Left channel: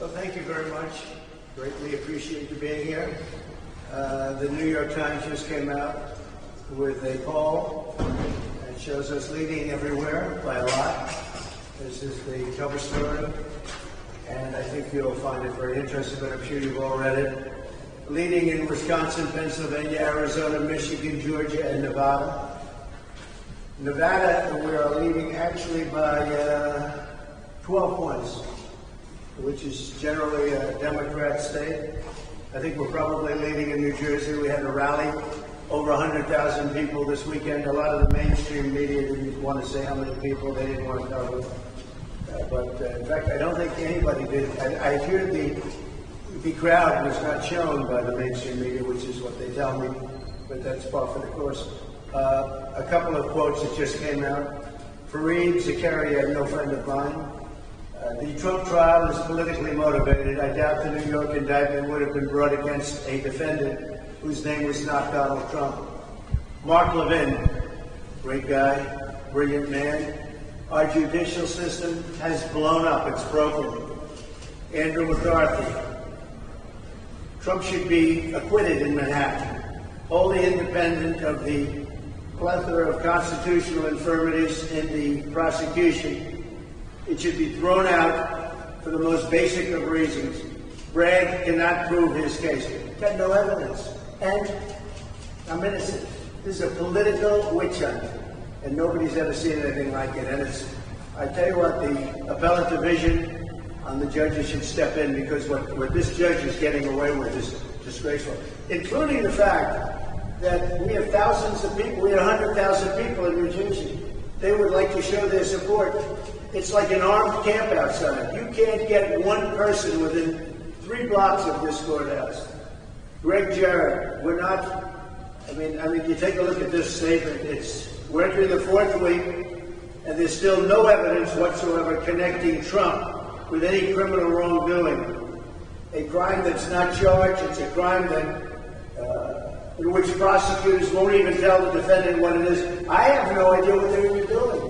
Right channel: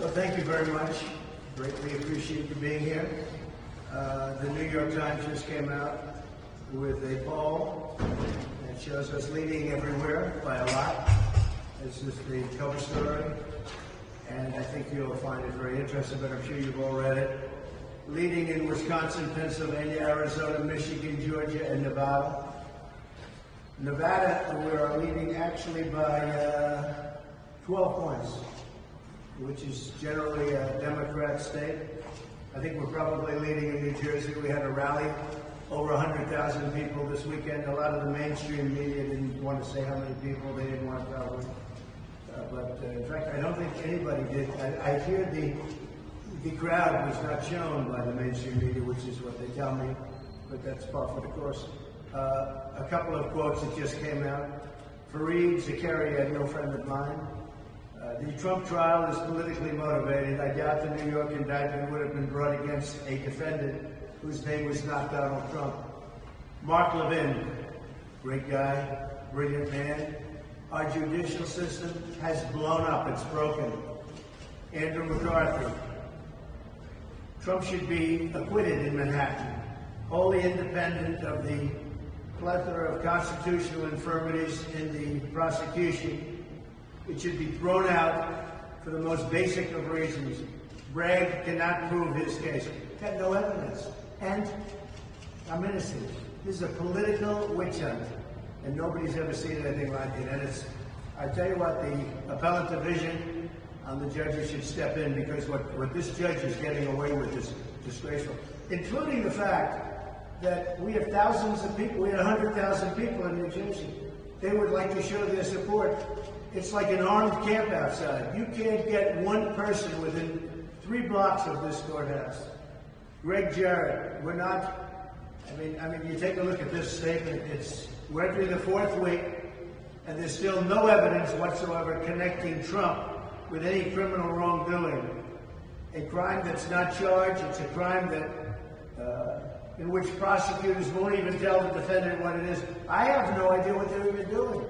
Well, thank you very much. Greatly appreciate you being here. The New York Times just came out with a poll that shows us leading everywhere by a lot. This is the cover story, and I think you'll find it very interesting, but I'm sure you've all read it. Leading in Wisconsin, Pennsylvania, Arizona, Michigan, Georgia, and Nevada. Nevada, we are leading actually by 12 points, which is generally a Democrat state. I think we're probably leading in New Jersey. We had a rally, over 100,000 people this weekend. A lot of the mainstream media didn't want to say how many people. They didn't want to cover. But in fact, I don't think anybody did. I hear the crowd was not shown by the mainstream media, which is what they tell me, but that's par for the course. A couple of quotes that just came out. Fareed Zakaria, no friend of mine. The Trump trial is politically motivated. I doubt the New York indictment would have been brought against a defendant whose name was not Donald Trump. Mark Levin, great guy, brilliant man. Our judicial system has blown up. It's broken. Andrew McCarthy. Trump should be acquitted in Manhattan, wholly independent of the plethora of constitutional infirmities in the prosecution. It should be thrown out for the most basic of reasons. Bragg cannot prove his case. Got no evidence. And I'm innocent. This is a political witch hunt, and nobody's ever seen anything like it. And I tell you what, the appellate division on the judges should step in, because what this judge is getting away with is disgraceful, including the fact that we have thousands of people, we have 100,000 people in New Jersey. They would like to show their support. It's like an armed camp outside. You can't get one person within 3 blocks of this courthouse. Greg Jarrett, we're not, I mean, you take a look at this statement. We're entering the 4th week, and there's still no evidence whatsoever connecting Trump with any criminal wrongdoing. A crime that's not charged. It's a crime that in which prosecutors won't even tell the defendant what it is. I have no idea what they're even doing.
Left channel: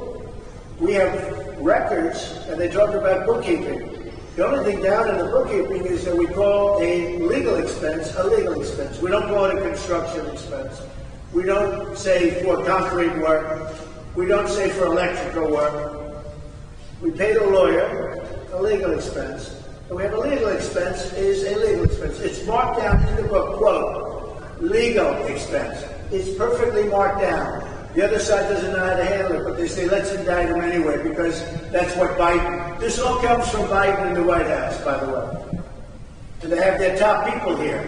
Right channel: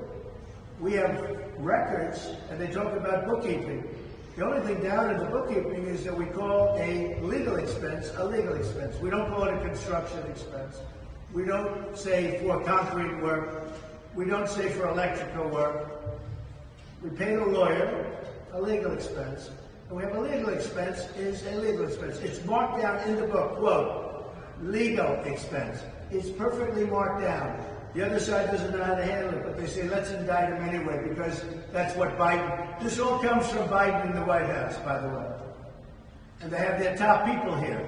We have records, and they talk about bookkeeping. The only thing down in the bookkeeping is that we call a legal expense a legal expense. We don't call it a construction expense. We don't say for concrete work. We don't say for electrical work. We paid a lawyer a legal expense. And we have a legal expense is a legal expense. It's marked down in the book, quote, legal expense. It's perfectly marked down. The other side doesn't know how to handle it, but they say, let's indict him anyway, because that's what Biden... This all comes from Biden in the White House, by the way. And they have their top people here.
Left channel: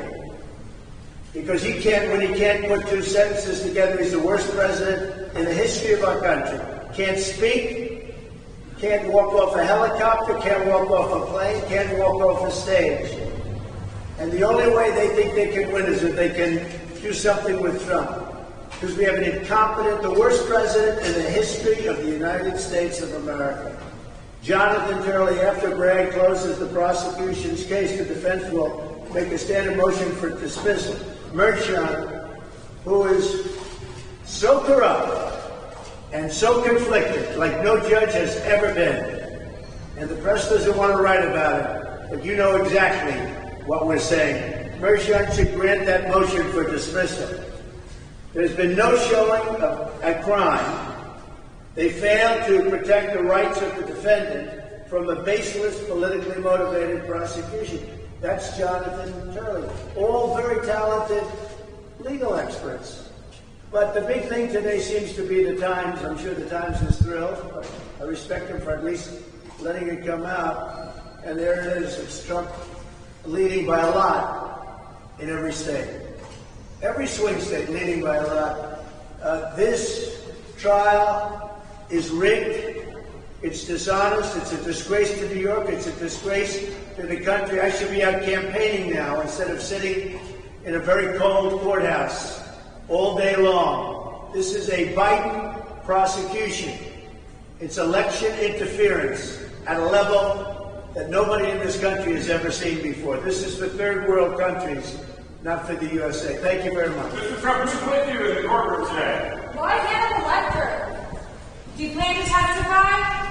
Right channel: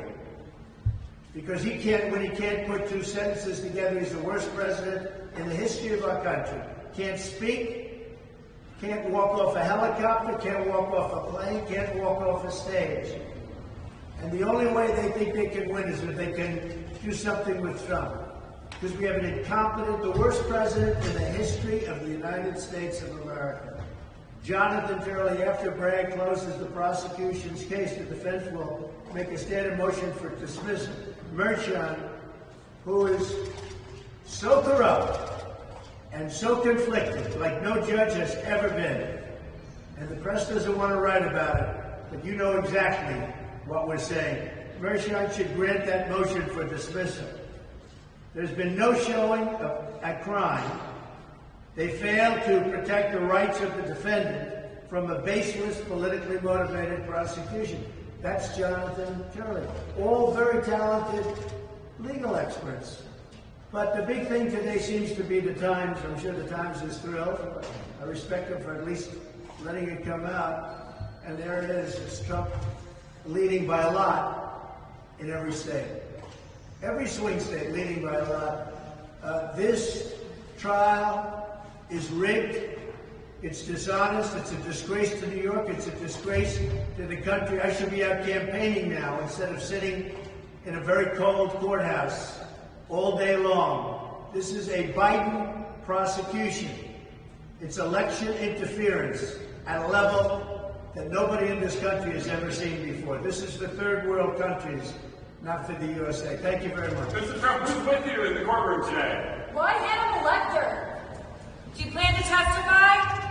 Because when he can't put 2 sentences together, he's the worst president in the history of our country. Can't speak, can't walk off a helicopter, can't walk off a plane, can't walk off a stage. And the only way they think they can win is if they can do something with Trump. Because we have an incompetent, the worst president in the history of the United States of America. Jonathan Turley, after Bragg closes the prosecution's case, the defense will make a standard motion for dismissal. Mershon, who is so corrupt and so conflicted, like no judge has ever been, and the press doesn't want to write about it, but you know exactly what we're saying. Mershon should grant that motion for dismissal. There's been no showing of a crime. They failed to protect the rights of the defendant from a baseless, politically motivated prosecution. That's Jonathan Turley. All very talented legal experts. But the big thing today seems to be the Times. I'm sure the Times is thrilled. But I respect them for at least letting it come out. And there it is. It's Trump leading by a lot in every state. Every swing state leading by a lot. This trial is rigged. It's dishonest. It's a disgrace to New York. It's a disgrace to the country. I should be out campaigning now instead of sitting in a very cold courthouse all day long. This is a Biden prosecution. It's election interference at a level that nobody in this country has ever seen before. This is for third world countries, not for the USA. Thank you very much. Mr. Trump, who's with you in the courtroom today? Why Hannibal Lecter? Do you plan to testify?